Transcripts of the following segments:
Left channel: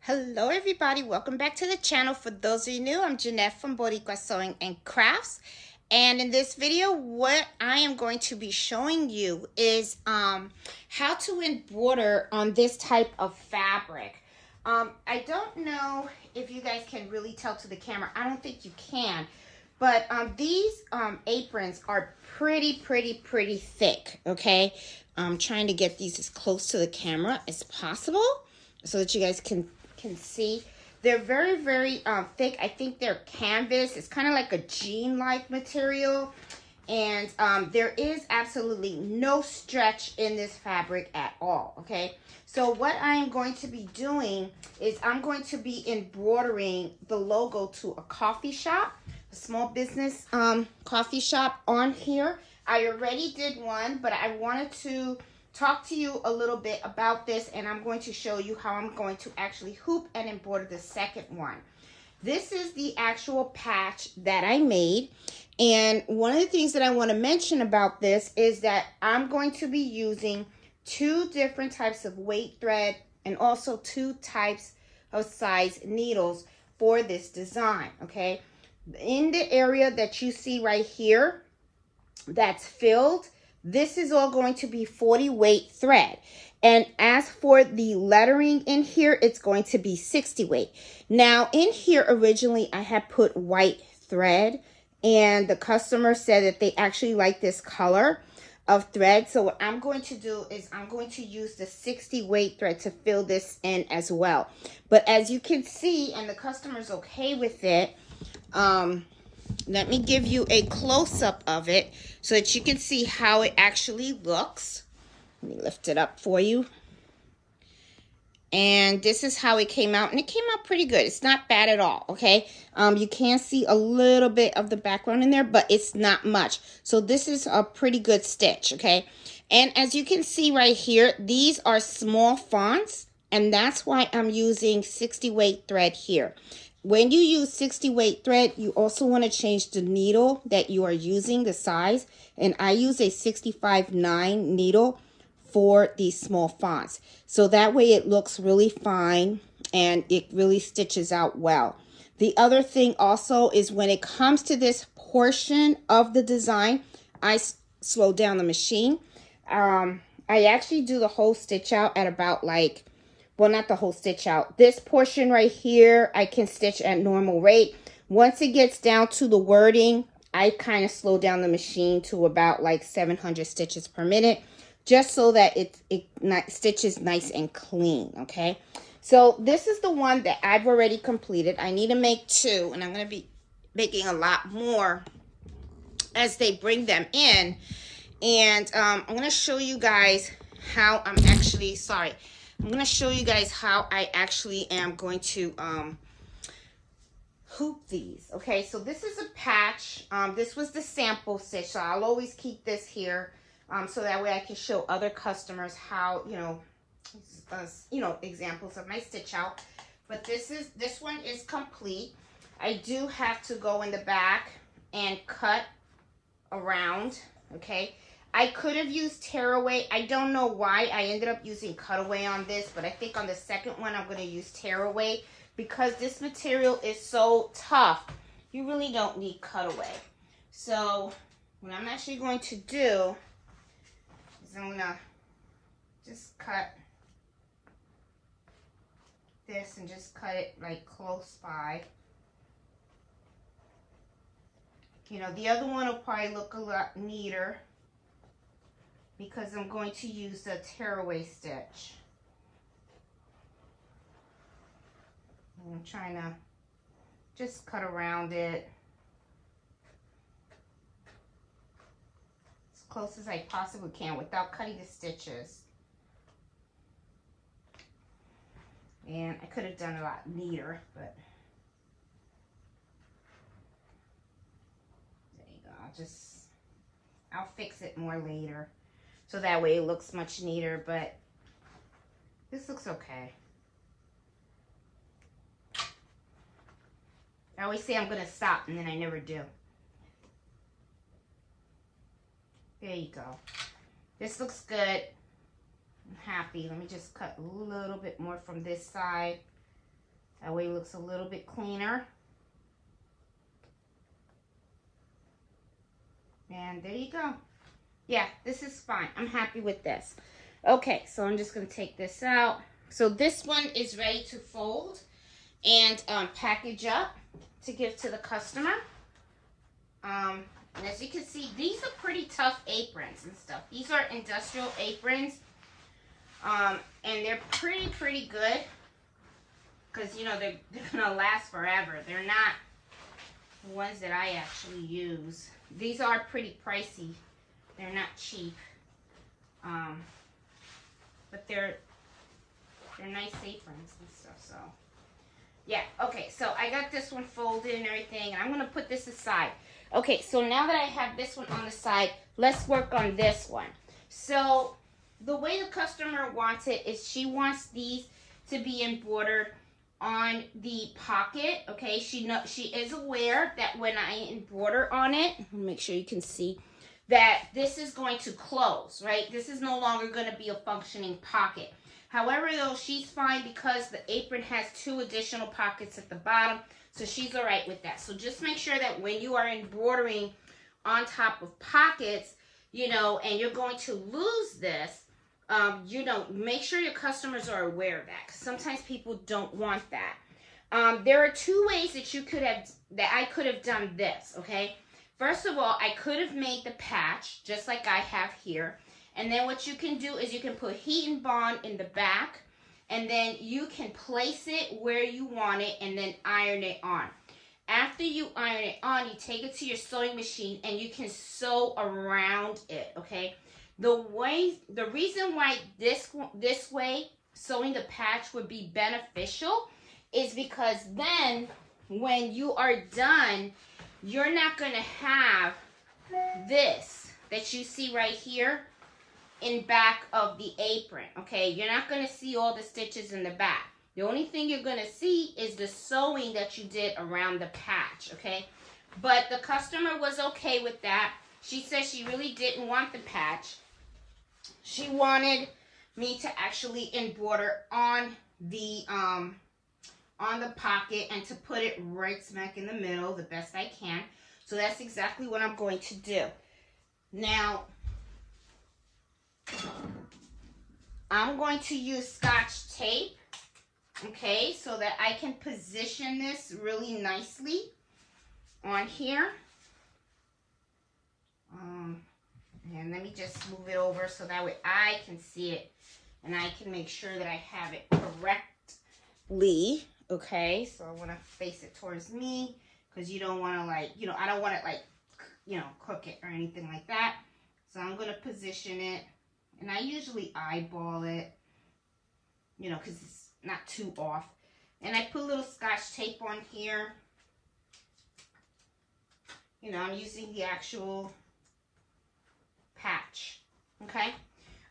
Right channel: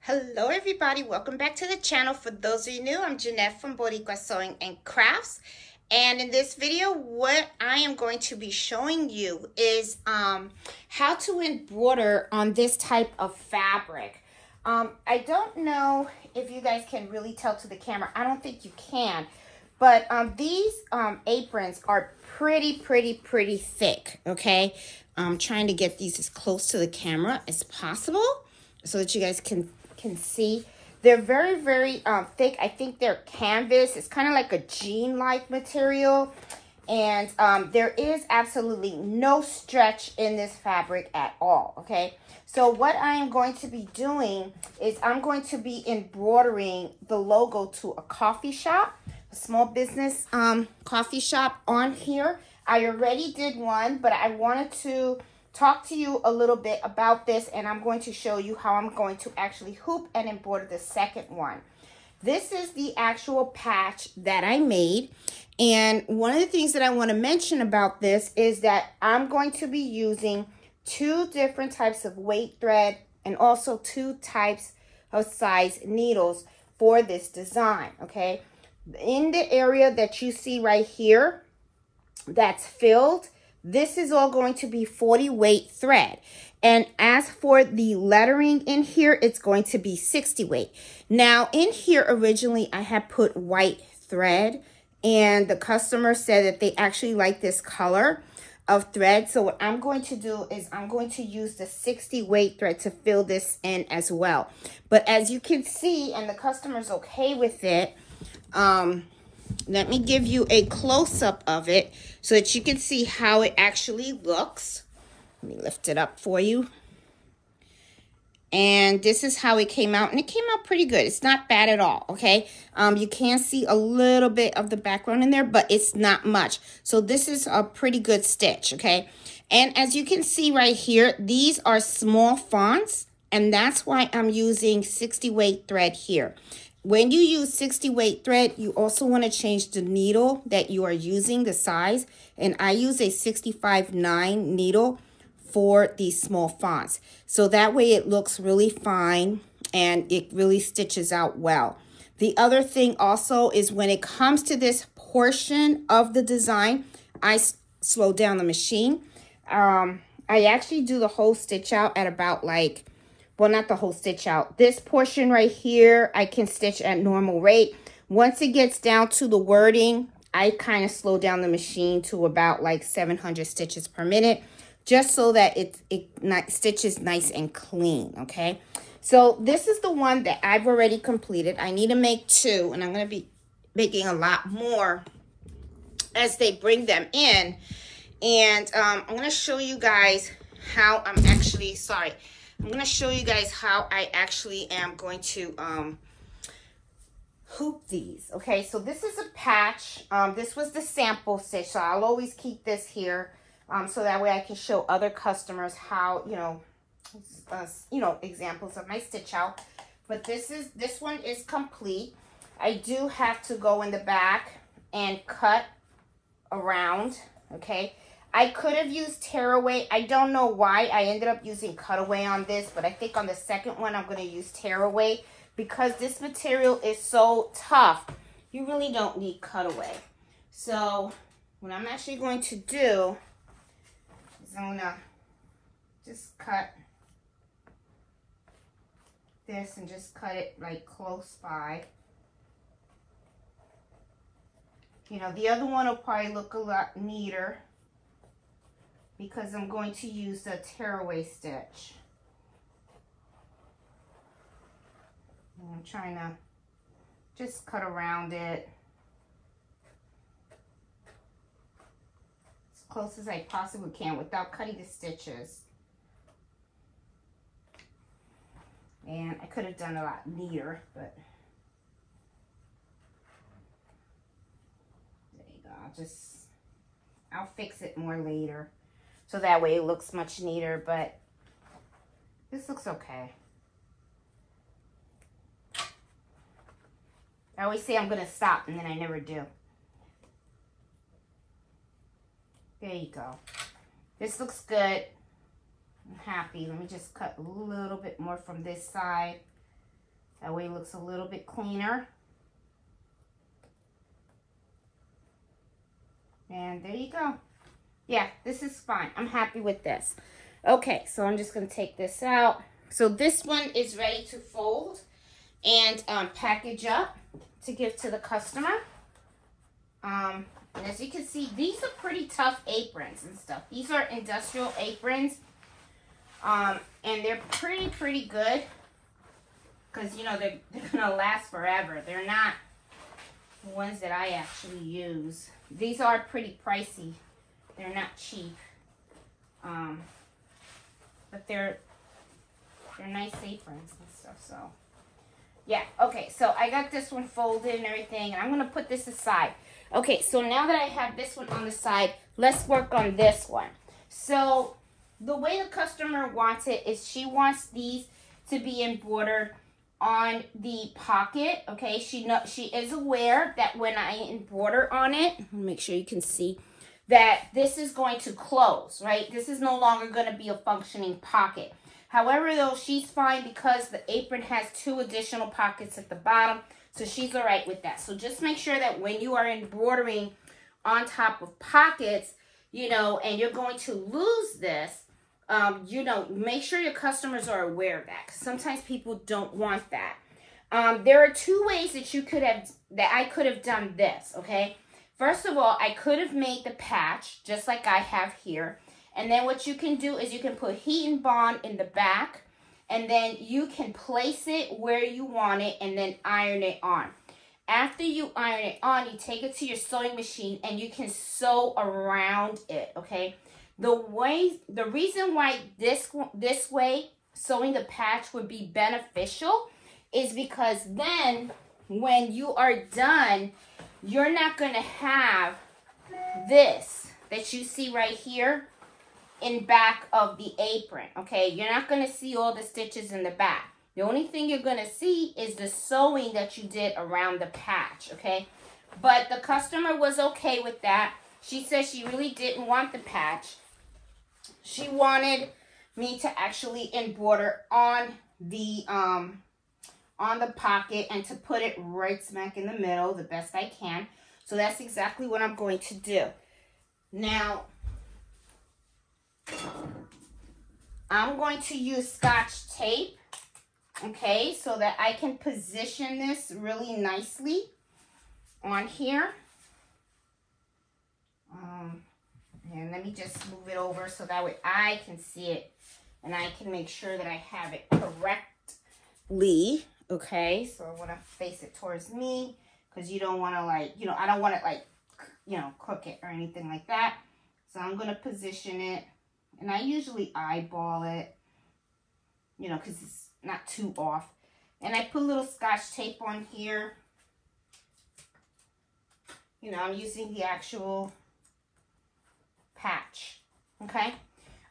Hello everybody, welcome back to the channel. For those of you new, I'm Jeanette from Boricua Sewing and Crafts, and in this video what I am going to be showing you is how to embroider on this type of fabric. I don't know if you guys can really tell to the camera. I don't think you can, but these aprons are pretty thick. Okay, I'm trying to get these as close to the camera as possible so that you guys can see. They're very thick. I think they're canvas. It's kind of like a jean-like material, and there is absolutely no stretch in this fabric at all. Okay, so what I am going to be doing is I'm going to be embroidering the logo to a coffee shop, a small business coffee shop on here. I already did one, but I wanted to talk to you a little bit about this, and I'm going to show you how I'm going to actually hoop and embroider the second one. This is the actual patch that I made, and one of the things that I want to mention about this is that I'm going to be using two different types of weight thread and also two types of size needles for this design. Okay, in the area that you see right here that's filled, this is all going to be 40 weight thread. And as for the lettering in here, it's going to be 60 weight. Now in here originally I had put white thread, and the customer said that they actually like this color of thread. So what I'm going to do is I'm going to use the 60 weight thread to fill this in as well. But as you can see, and the customer's okay with it, let me give you a close-up of it so that you can see how it actually looks. Let me lift it up for you. And this is how it came out, and it came out pretty good. It's not bad at all, okay? You can see a little bit of the background in there, but it's not much. So this is a pretty good stitch, okay? And as you can see right here, these are small fonts, and that's why I'm using 60 weight thread here. When you use 60 weight thread, you also want to change the needle that you are using, the size. And I use a 65-9 needle for these small fonts. So that way it looks really fine and it really stitches out well. The other thing also is when it comes to this portion of the design, I slow down the machine. I actually do the whole stitch out at about like, well, not the whole stitch out. This portion right here, I can stitch at normal rate. Once it gets down to the wording, I kind of slow down the machine to about like 700 stitches per minute, just so that it stitches nice and clean, okay? So this is the one that I've already completed. I need to make two, and I'm going to be making a lot more as they bring them in. And I'm going to show you guys how I'm actually, I'm going to show you guys how I actually am going to hoop these. Okay, so this is a patch. This was the sample stitch, so I'll always keep this here so that way I can show other customers how, examples of my stitch out. But this one is complete. I do have to go in the back and cut around, okay? I could have used tearaway. I don't know why I ended up using cutaway on this, but I think on the second one I'm going to use tearaway because this material is so tough. You really don't need cutaway. So what I'm actually going to do is I'm going to just cut this and just cut it like close by. You know, the other one will probably look a lot neater because I'm going to use the tearaway stitch. And I'm trying to just cut around it as close as I possibly can without cutting the stitches. And I could have done a lot neater, but there you go. I'll fix it more later. So that way it looks much neater, but this looks okay. I always say I'm going to stop, and then I never do. There you go. This looks good. I'm happy. Let me just cut a little bit more from this side. That way it looks a little bit cleaner. And there you go. Yeah, this is fine. I'm happy with this. Okay, so I'm just going to take this out. So this one is ready to fold and package up to give to the customer. And as you can see, these are pretty tough aprons and stuff. These are industrial aprons. And they're pretty good. Because, you know, they're going to last forever. They're not the ones that I actually use. These are pretty pricey. They're not cheap. But they're nice aprons and stuff, so. Yeah, okay, so I got this one folded and everything, and I'm going to put this aside. Okay, so now that I have this one on the side, let's work on this one. So, the way the customer wants it is she wants these to be embroidered on the pocket, okay? She is aware that when I embroider on it, let me make sure you can see, that this is going to close, right? This is no longer going to be a functioning pocket. However, though, she's fine because the apron has 2 additional pockets at the bottom, so she's all right with that. So just make sure that when you are embroidering on top of pockets, you know, and you're going to lose this, you know, make sure your customers are aware of that. Sometimes people don't want that. There are 2 ways that I could have done this, okay? First of all, I could have made the patch just like I have here. And then what you can do is you can put heat and bond in the back, and then you can place it where you want it and then iron it on. After you iron it on, you take it to your sewing machine and you can sew around it, okay? The reason why this way sewing the patch would be beneficial is because then when you are done, you're not going to have this that you see right here in back of the apron, okay? You're not going to see all the stitches in the back. The only thing you're going to see is the sewing that you did around the patch, okay? But the customer was okay with that. She said she really didn't want the patch. She wanted me to actually embroider on the pocket and to put it right smack in the middle the best I can. So that's exactly what I'm going to do. Now, I'm going to use Scotch tape, okay, so that I can position this really nicely on here. And let me just move it over so that way I can see it and I can make sure that I have it correctly, okay? So I want to face it towards me because you don't want to, like, you know, I don't want to, like, you know, cook it or anything like that. So I'm going to position it, and I usually eyeball it, you know, because it's not too off. And I put a little Scotch tape on here. You know, I'm using the actual patch, okay?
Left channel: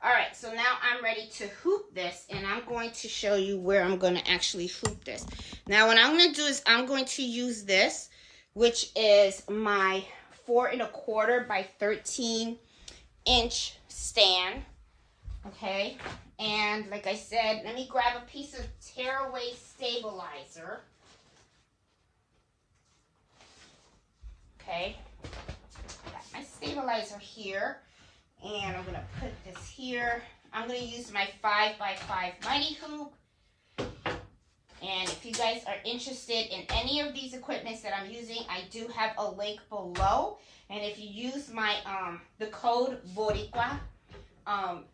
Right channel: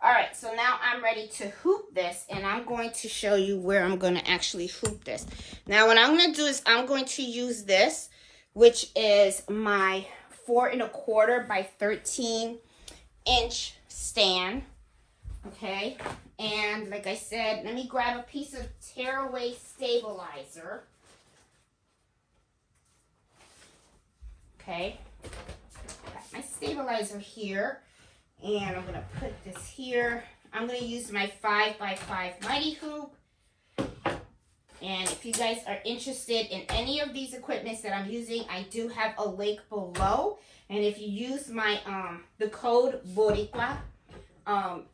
All right, so now I'm ready to hoop this, and I'm going to show you where I'm going to actually hoop this. Now, what I'm going to do is I'm going to use this, which is my 4 1/4 by 13 inch stand, okay? And like I said, let me grab a piece of tearaway stabilizer, okay? Got my stabilizer here. And I'm going to put this here. I'm going to use my 5x5 Mighty Hoop. And if you guys are interested in any of these equipments that I'm using, I do have a link below. And if you use my the code Boricua,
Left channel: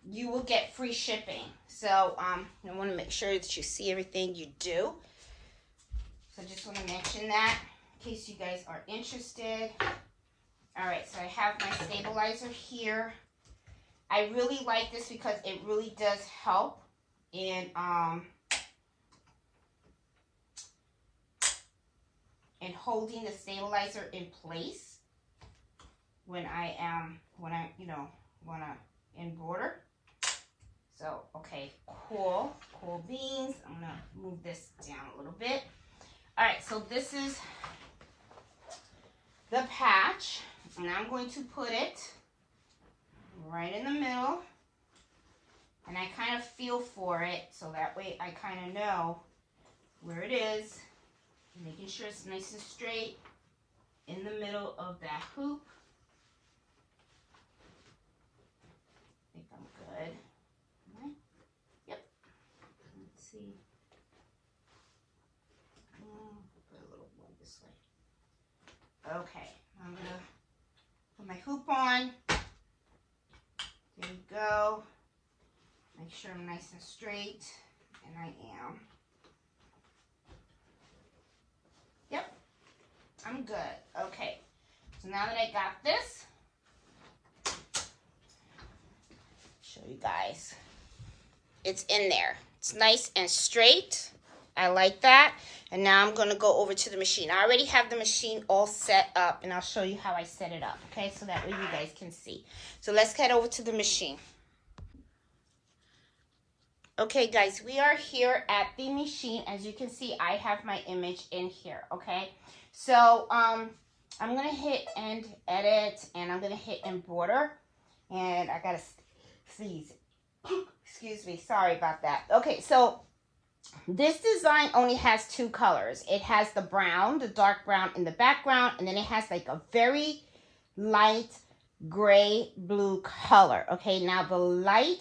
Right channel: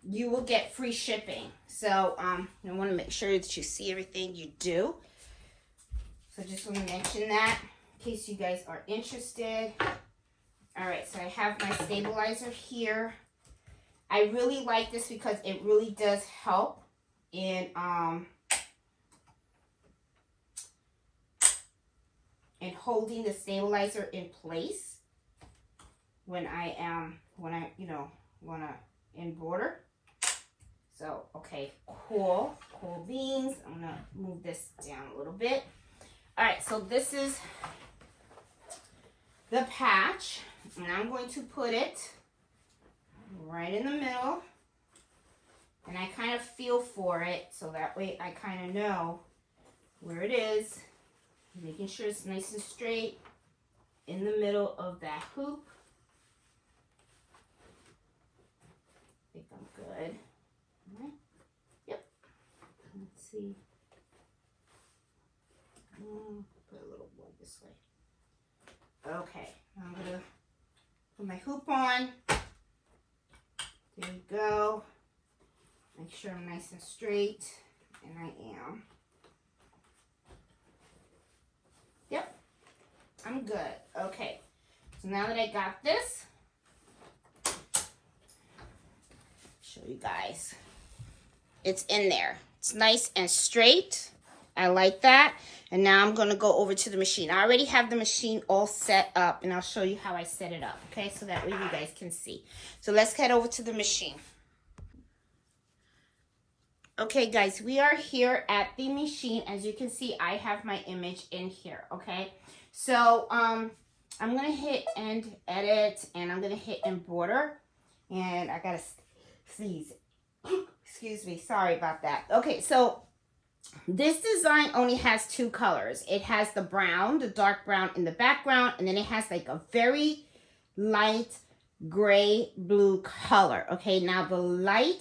you will get free shipping. So I want to make sure that you see everything you do. So just want to mention that in case you guys are interested. All right, so I have my stabilizer here. I really like this because it really does help in holding the stabilizer in place when I you know, want to embroider. So, okay, cool beans. I'm going to move this down a little bit. All right, so this is the patch, and I'm going to put it right in the middle, and I kind of feel for it so that way I kind of know where it is, making sure it's nice and straight in the middle of that hoop. I think I'm good. All right. Yep. Let's see. Put a little more this way. Okay. I'm going to put my hoop on. There you go. Make sure I'm nice and straight. And I am. Yep. I'm good. Okay. So now that I got this, show you guys. It's in there. It's nice and straight. I like that. And now I'm going to go over to the machine. I already have the machine all set up, and I'll show you how I set it up, okay? So that way you guys can see. So let's head over to the machine. Okay, guys, we are here at the machine. As you can see, I have my image in here, okay? So, I'm going to hit end edit, and I'm going to hit embroider. And I got to sneeze. Excuse me, sorry about that. Okay, so this design only has two colors. It has the brown, the dark brown in the background, and then it has like a very light gray blue color. Okay, now the light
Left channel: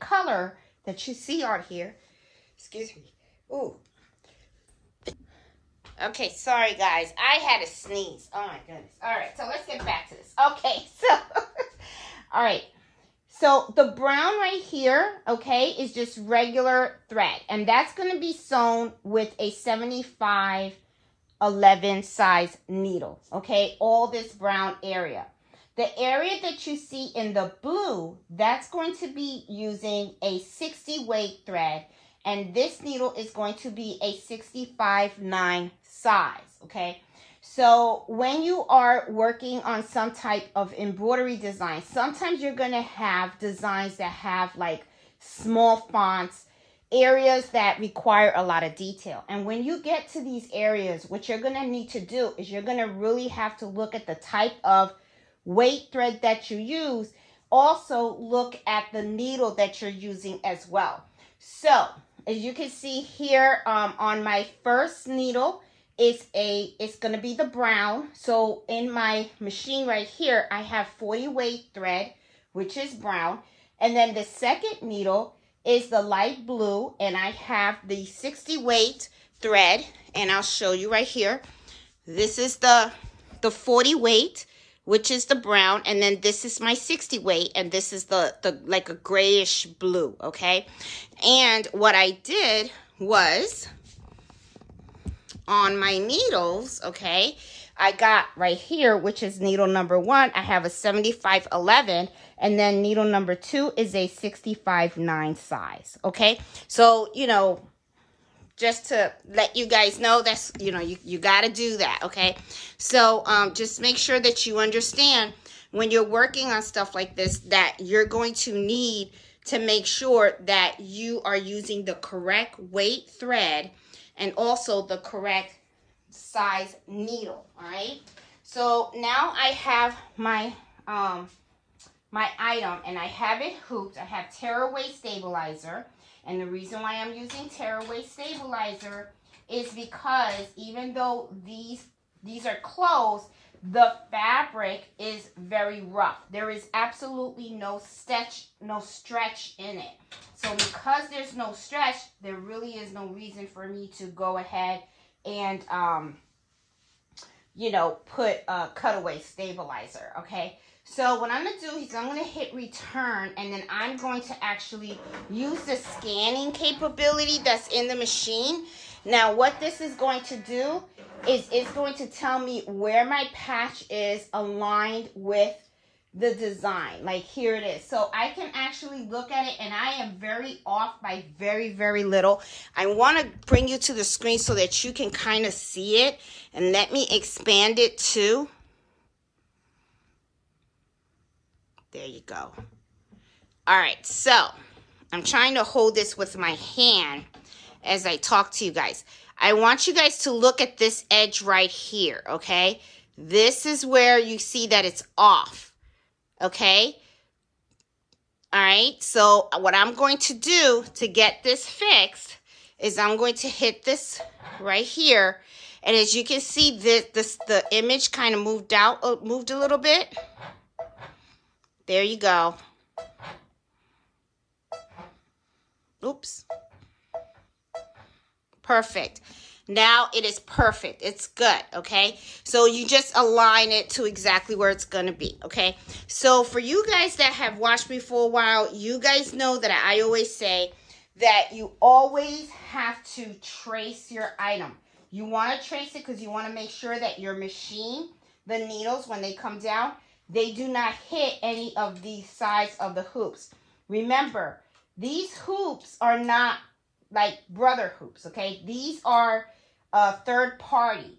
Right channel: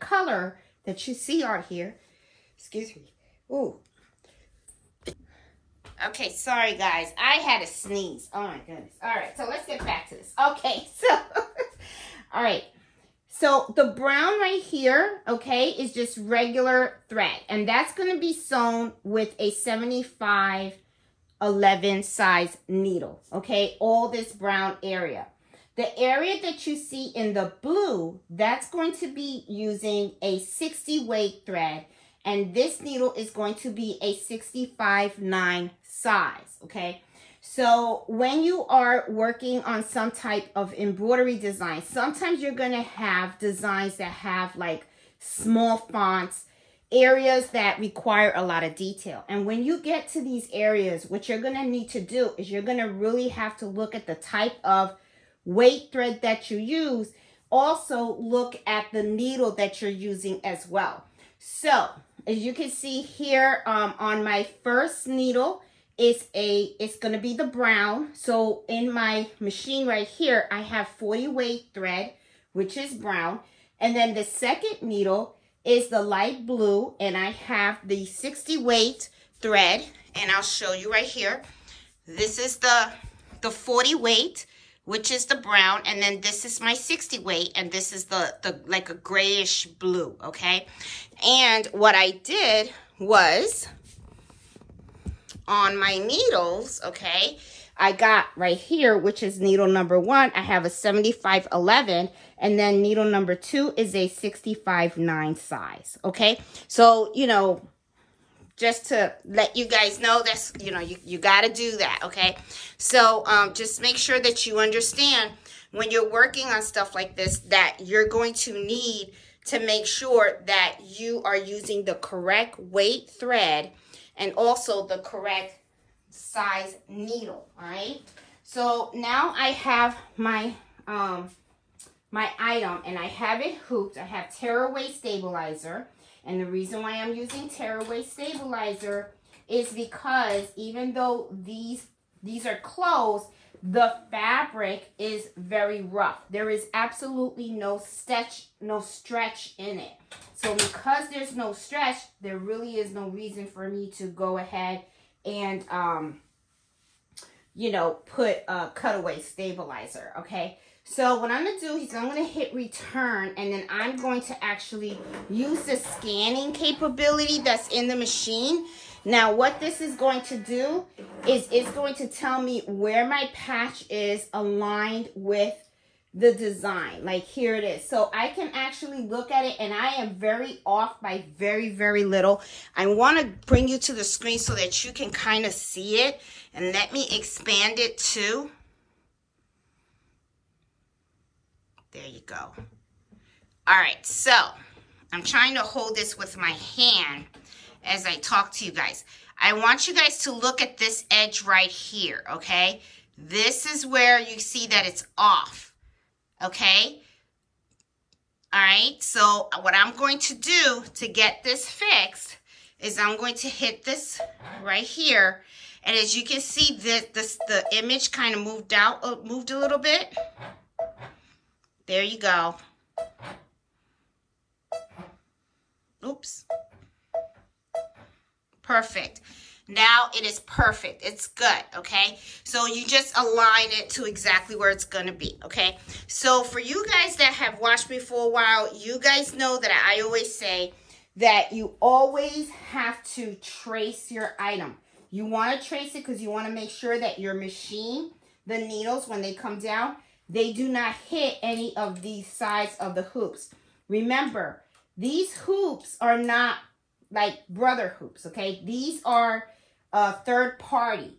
color that you see on here, excuse me. Ooh. Okay, sorry guys, I had to sneeze. Oh my goodness. All right, so let's get back to this. Okay, so all right. So the brown right here, okay, is just regular thread, and that's going to be sewn with a 75/11 size needle, okay, all this brown area. The area that you see in the blue, that's going to be using a 60 weight thread, and this needle is going to be a 65/9 size, okay. So when you are working on some type of embroidery design, sometimes you're going to have designs that have like small fonts, areas that require a lot of detail. And when you get to these areas, what you're going to need to do is you're going to really have to look at the type of weight thread that you use. Also look at the needle that you're using as well. So as you can see here on my first needle, it's going to be the brown. So in my machine right here, I have 40 weight thread, which is brown. And then the second needle is the light blue, and I have the 60 weight thread, and I'll show you right here. This is the 40 weight, which is the brown, and then this is my 60 weight, and this is the like a grayish blue, okay? And what I did was, on my needles, okay, I got right here, which is needle number 1, I have a 75/11, and then needle number 2 is a 65/9 size, okay? So, you know, just to let you guys know, that's, you know, you got to do that, okay? So, just make sure that you understand when you're working on stuff like this, that you're going to need to make sure that you are using the correct weight thread and also the correct size needle, all right? So now I have my my item, and I have it hooped. I have tearaway stabilizer, and the reason why I'm using tearaway stabilizer is because even though these are closed, the fabric is very rough. There is absolutely no stretch in it. So because there's no stretch, there really is no reason for me to go ahead and, you know, put a cutaway stabilizer, okay? So what I'm going to do is I'm going to hit return, and then I'm going to actually use the scanning capability that's in the machine. Now what this is going to do is it's going to tell me where my patch is aligned with the design. Like here it is. So I can actually look at it, and I am very off by very, very little. I want to bring you to the screen so that you can kind of see it, and let me expand it too. There you go. All right, so I'm trying to hold this with my hand as I talk to you guys. I want you guys to look at this edge right here, okay? This is where you see that it's off, okay? All right, so what I'm going to do to get this fixed is I'm going to hit this right here. And as you can see, the image kind of moved a little bit. There you go. Oops. Perfect. Now it is perfect. It's good, okay? So you just align it to exactly where it's going to be, okay? So for you guys that have watched me for a while, you guys know that I always say that you always have to trace your item. You want to trace it because you want to make sure that your machine, the needles, when they come down, they do not hit any of the sides of the hoops. Remember, these hoops are not like brother hoops, okay? These are a third-party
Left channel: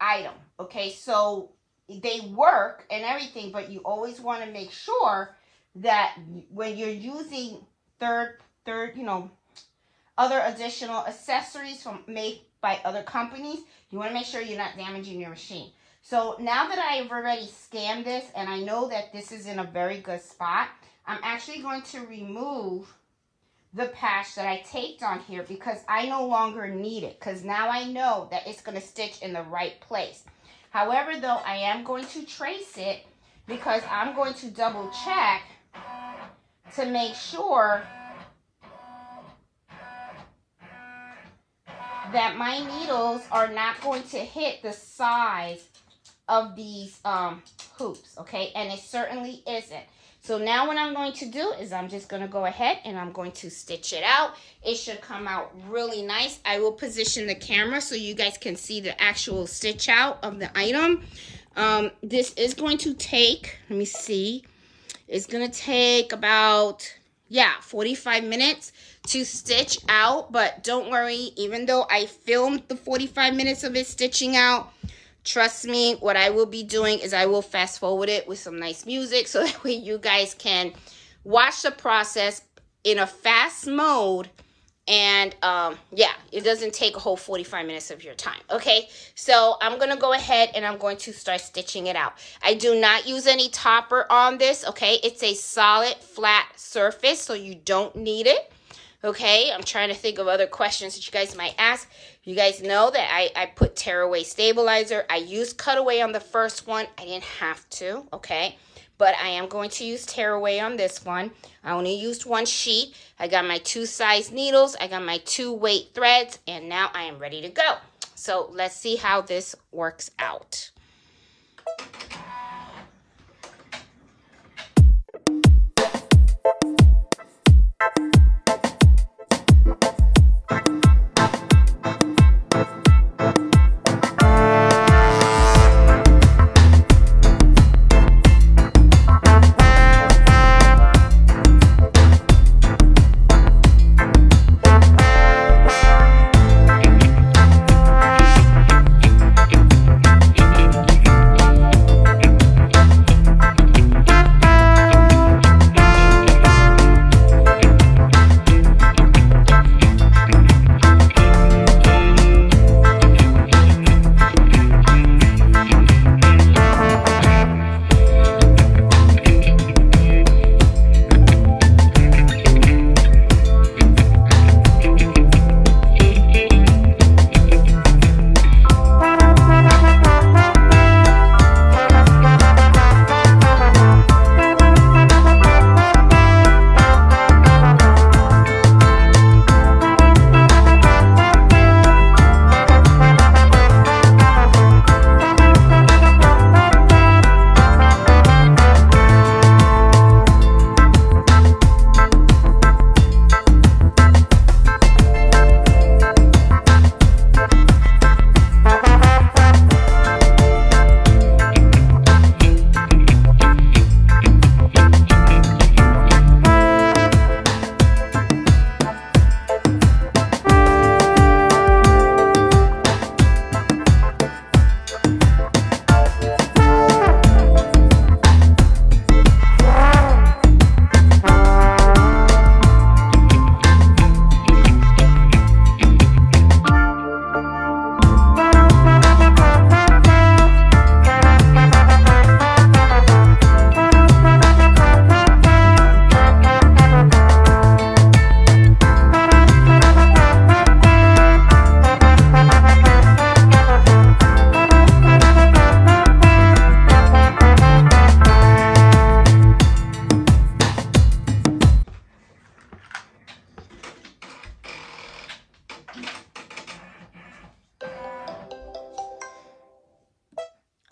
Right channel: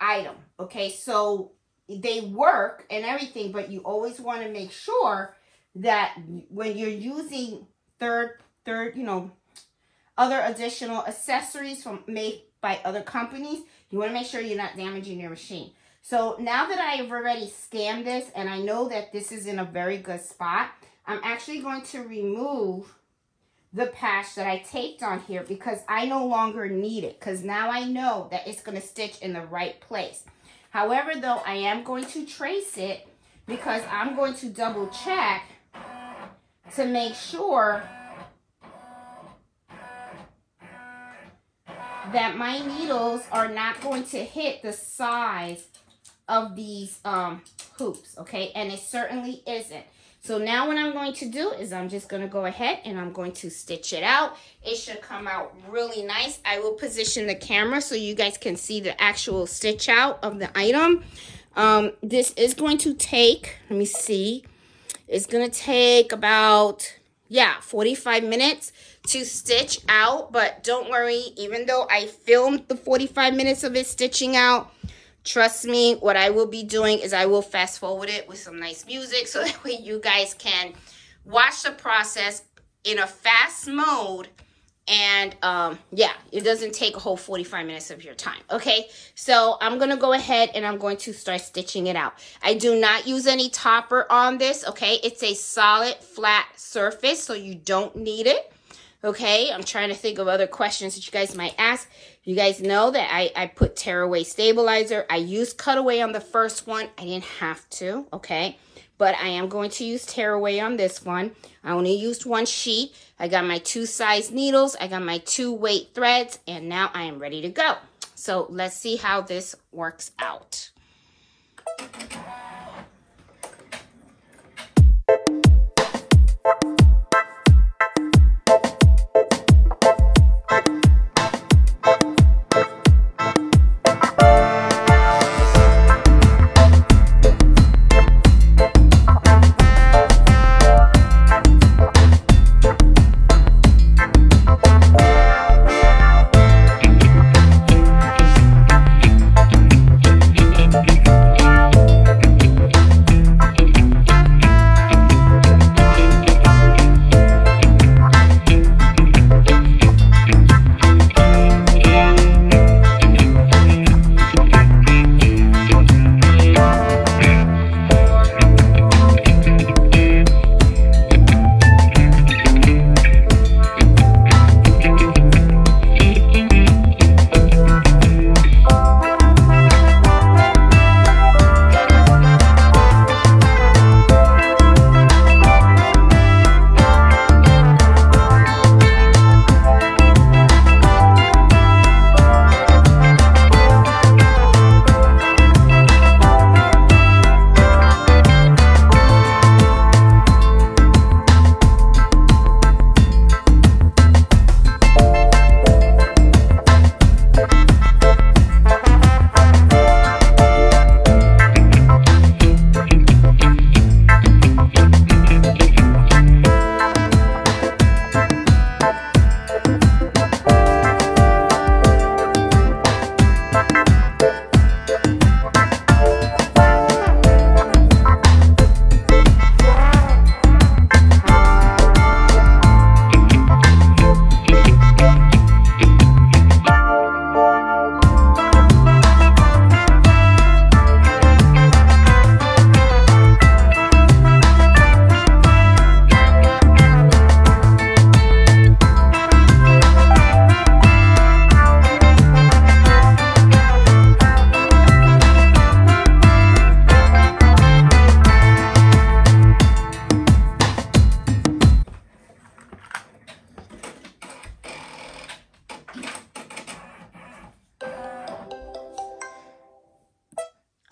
item, okay? So they work and everything, but you always want to make sure that when you're using other additional accessories made by other companies, you want to make sure you're not damaging your machine. So now that I've already scanned this and I know that this is in a very good spot, I'm actually going to remove the patch that I taped on here because I no longer need it, because now I know that it's going to stitch in the right place. However, though, I am going to trace it because I'm going to double check to make sure that my needles are not going to hit the size of these hoops, okay? And it certainly isn't. So now what I'm going to do is I'm just going to go ahead and I'm going to stitch it out. It should come out really nice. I will position the camera so you guys can see the actual stitch out of the item. This is going to take, let me see, it's going to take about, 45 minutes to stitch out. But don't worry, even though I filmed the 45 minutes of it stitching out, trust me, what I will be doing is I will fast forward it with some nice music so that way you guys can watch the process in a fast mode. And it doesn't take a whole 45 minutes of your time, okay? So I'm going to go ahead and I'm going to start stitching it out. I do not use any topper on this, okay? It's a solid flat surface, so you don't need it, okay? I'm trying to think of other questions that you guys might ask. You guys know that I put tearaway stabilizer. I used cutaway on the first one. I didn't have to, okay? But I am going to use tearaway on this one. I only used one sheet. I got my 2 size needles. I got my 2 weight threads. And now I am ready to go. So let's see how this works out.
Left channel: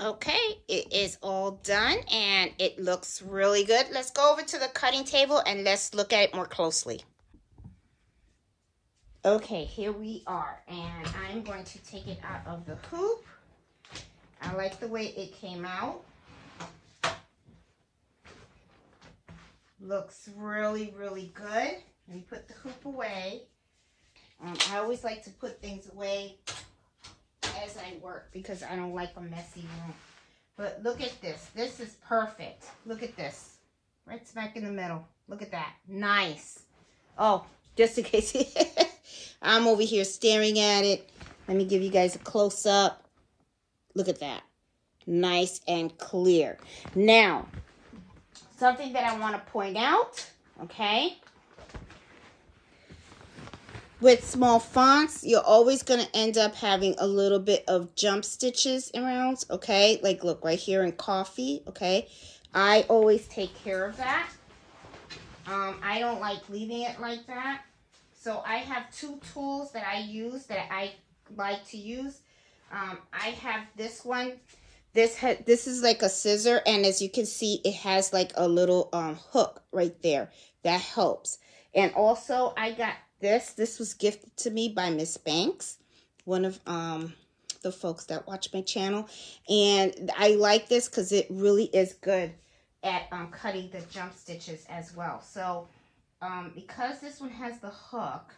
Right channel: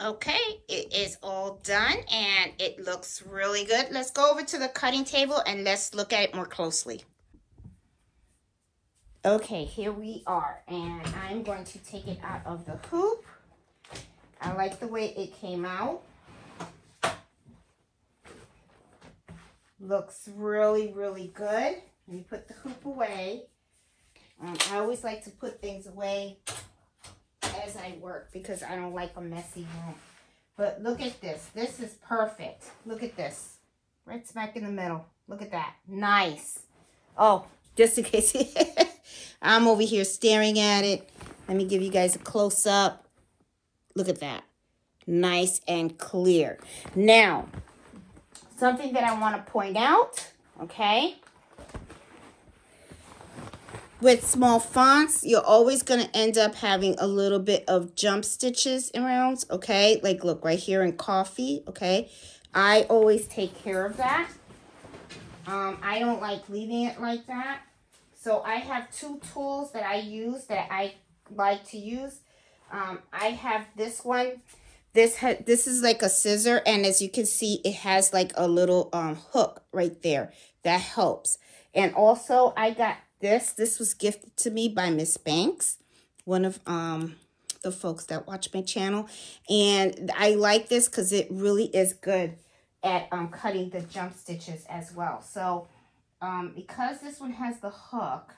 Okay, it is all done and it looks really good. Let's go over to the cutting table and let's look at it more closely. Okay, here we are, and I'm going to take it out of the hoop. I like the way it came out. Looks really, really good. Let me put the hoop away. I always like to put things away as I work because I don't like a messy room. But look at this. This is perfect. Look at this. Right smack in the middle. Look at that. Nice. Oh, just in case I'm over here staring at it. Let me give you guys a close-up. Look at that. Nice and clear. Now, something that I want to point out, okay? With small fonts, you're always going to end up having a little bit of jump stitches around, okay? Like, look, right here in coffee, okay? I always take care of that. I don't like leaving it like that. So I have two tools that I use that I like to use. I have this one. This is like a scissor, and as you can see, it has like a little hook right there. That helps. And also, I got this. This was gifted to me by Miss Banks, one of the folks that watch my channel. And I like this because it really is good at cutting the jump stitches as well. So, because this one has the hook,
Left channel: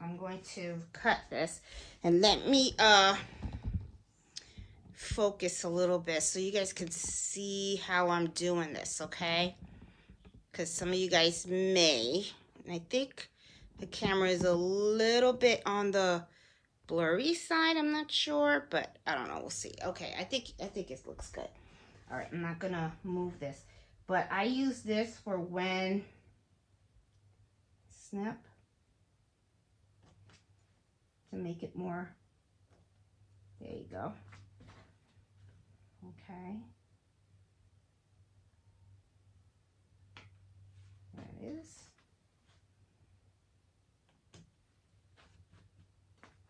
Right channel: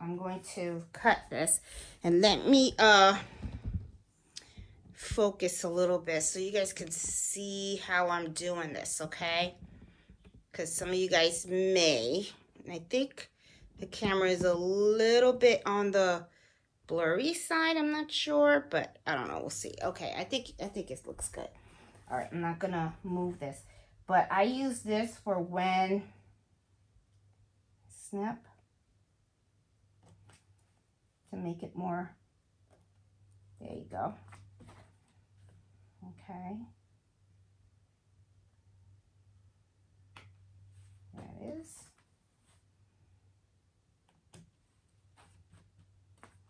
I'm going to cut this. And let me focus a little bit so you guys can see how I'm doing this, okay? Because some of you guys may, and I think the camera is a little bit on the blurry side. I'm not sure, but I don't know. We'll see. Okay, I think it looks good. All right, I'm not gonna move this, but I use this for when snip to make it more. There you go. Okay. There it is.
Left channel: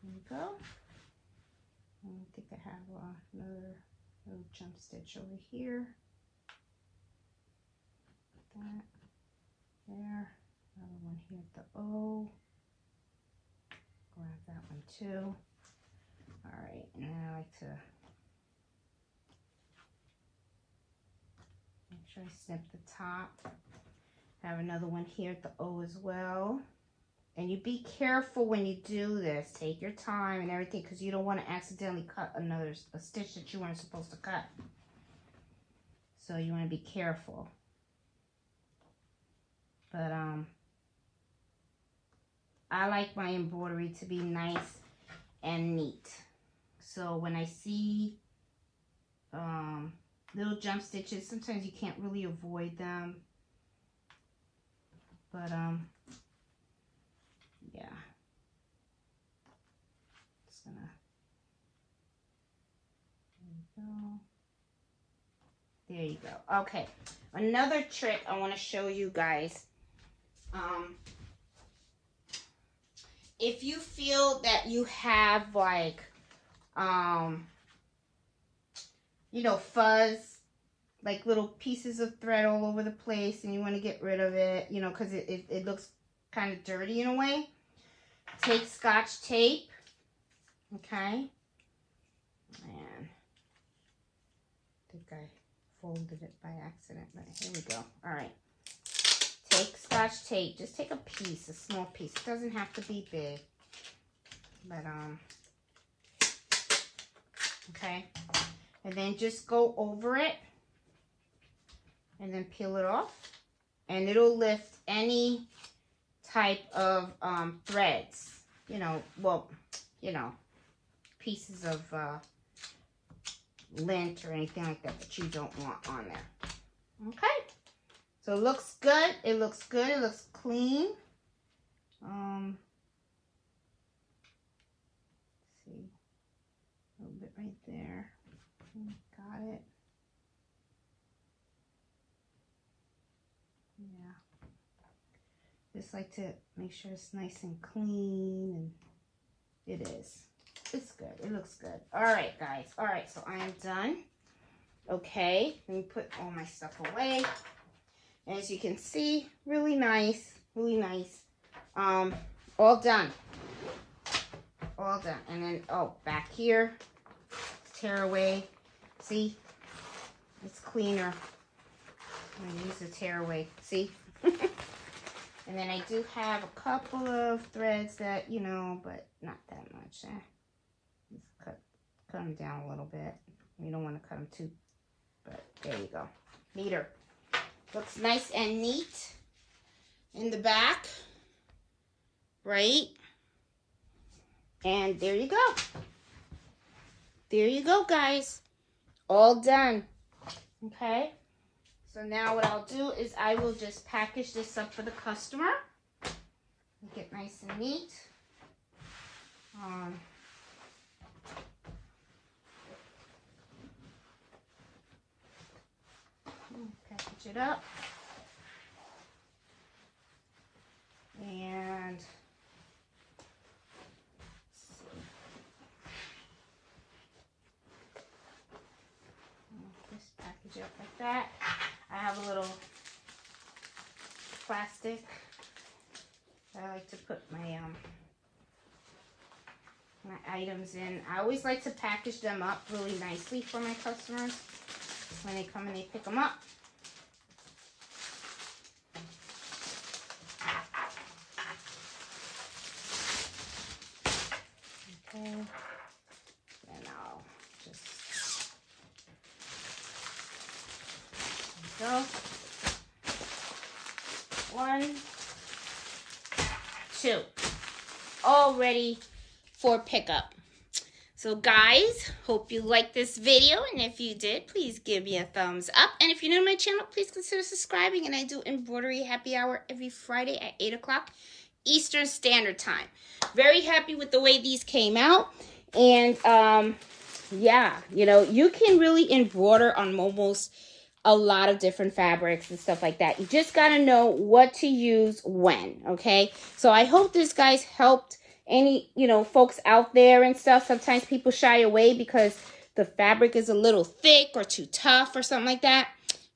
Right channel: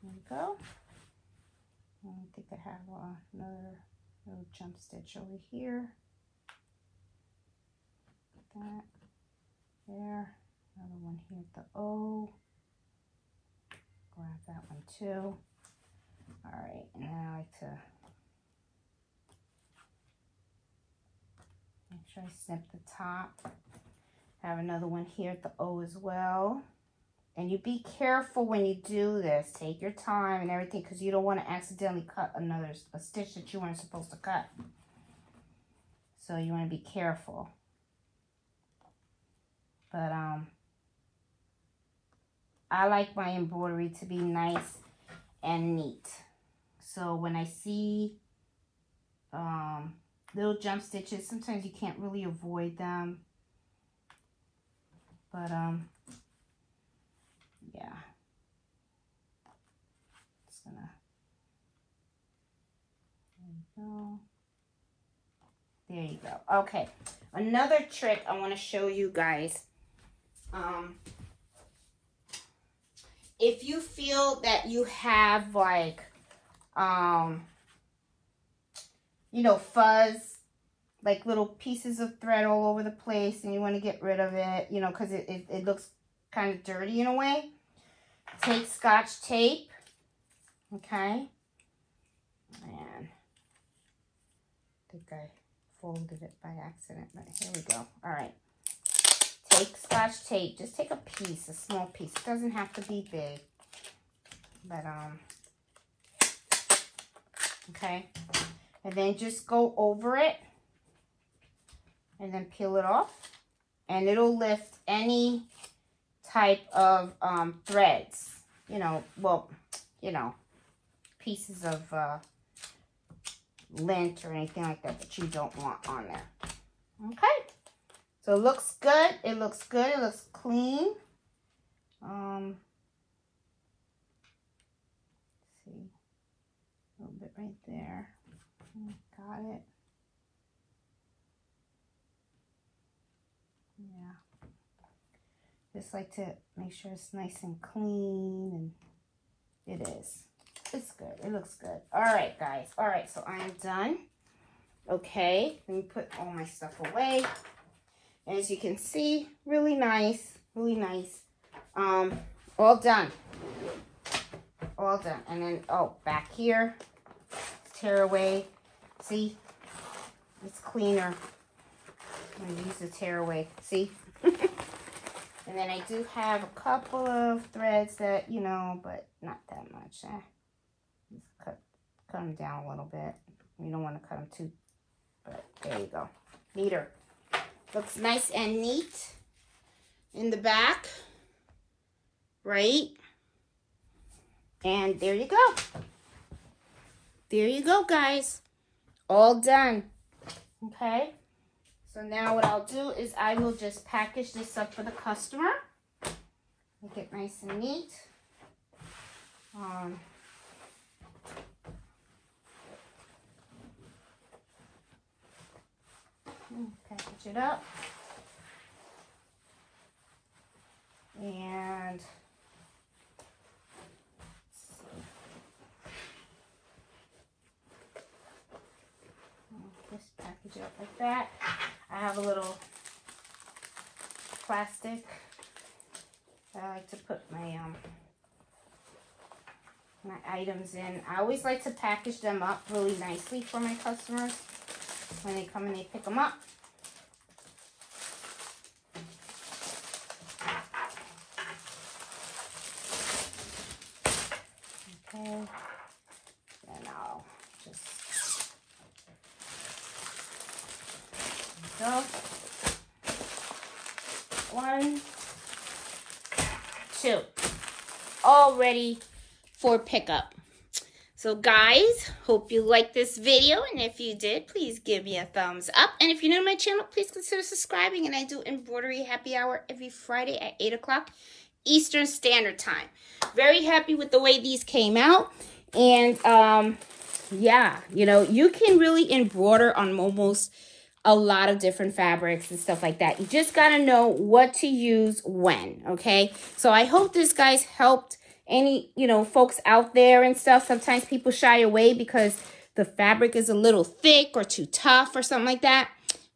There you go. I think I have another little jump stitch over here. That there. Another one here at the O. Grab that one too. All right, now I like to make sure I snip the top. I have another one here at the O as well. And you be careful when you do this. Take your time and everything because you don't want to accidentally cut a stitch that you weren't supposed to cut. So you want to be careful. But I like my embroidery to be nice and neat. So when I see little jump stitches, sometimes you can't really avoid them. But yeah. Just gonna, there you go. There you go. Okay. Another trick I want to show you guys. If you feel that you have like, you know, fuzz, like little pieces of thread all over the place and you want to get rid of it, you know, because it looks kind of dirty in a way, take Scotch tape, okay, and I think I folded it by accident, but here we go. All right. Take Scotch tape. Just take a piece, a small piece. It doesn't have to be big. But, okay. And then just go over it. And then peel it off. And it'll lift any type of threads. You know, well, you know, pieces of lint or anything like that that you don't want on there. Okay. So it looks good. It looks good. It looks clean. See, a little bit right there. Got it. Yeah. Just like to make sure it's nice and clean, and it is. it's good. It looks good. All right, guys. All right, so I'm done. Okay, let me put all my stuff away. And as you can see, really nice, really nice. All done. All done. And then, oh, back here, tear away. See? It's cleaner. I'm gonna use the tear away. See? And then I do have a couple of threads that, you know, but not that much. Just cut them down a little bit. You don't want to cut them too, but there you go. Neater. Looks nice and neat in the back, right? And there you go. There you go, guys. All done. Okay. So now what I'll do is I will just package this up for the customer. Make it nice and neat. Package it up. And just package it up like that. I have a little plastic that I like to put my items in. I always like to package them up really nicely for my customers when they come and they pick them up. Okay, and I'll just go. 1, 2, all ready for pickup. So guys, hope you liked this video, and if you did, please give me a thumbs up. And if you're new to my channel, please consider subscribing. And I do embroidery happy hour every Friday at 8 o'clock Eastern Standard Time. Very happy with the way these came out. And yeah, you know, you can really embroider on almost a lot of different fabrics and stuff like that. You just got to know what to use when, okay? So I hope this, guys, helped any, you know, folks out there and stuff. Sometimes people shy away because the fabric is a little thick or too tough or something like that.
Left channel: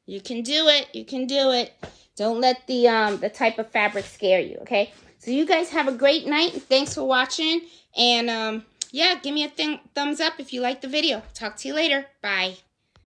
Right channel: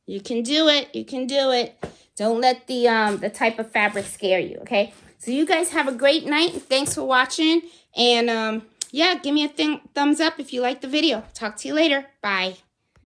You can do it. You can do it. Don't let the type of fabric scare you, okay? So you guys have a great night. Thanks for watching. And yeah, give me a thumbs up if you like the video. Talk to you later. Bye.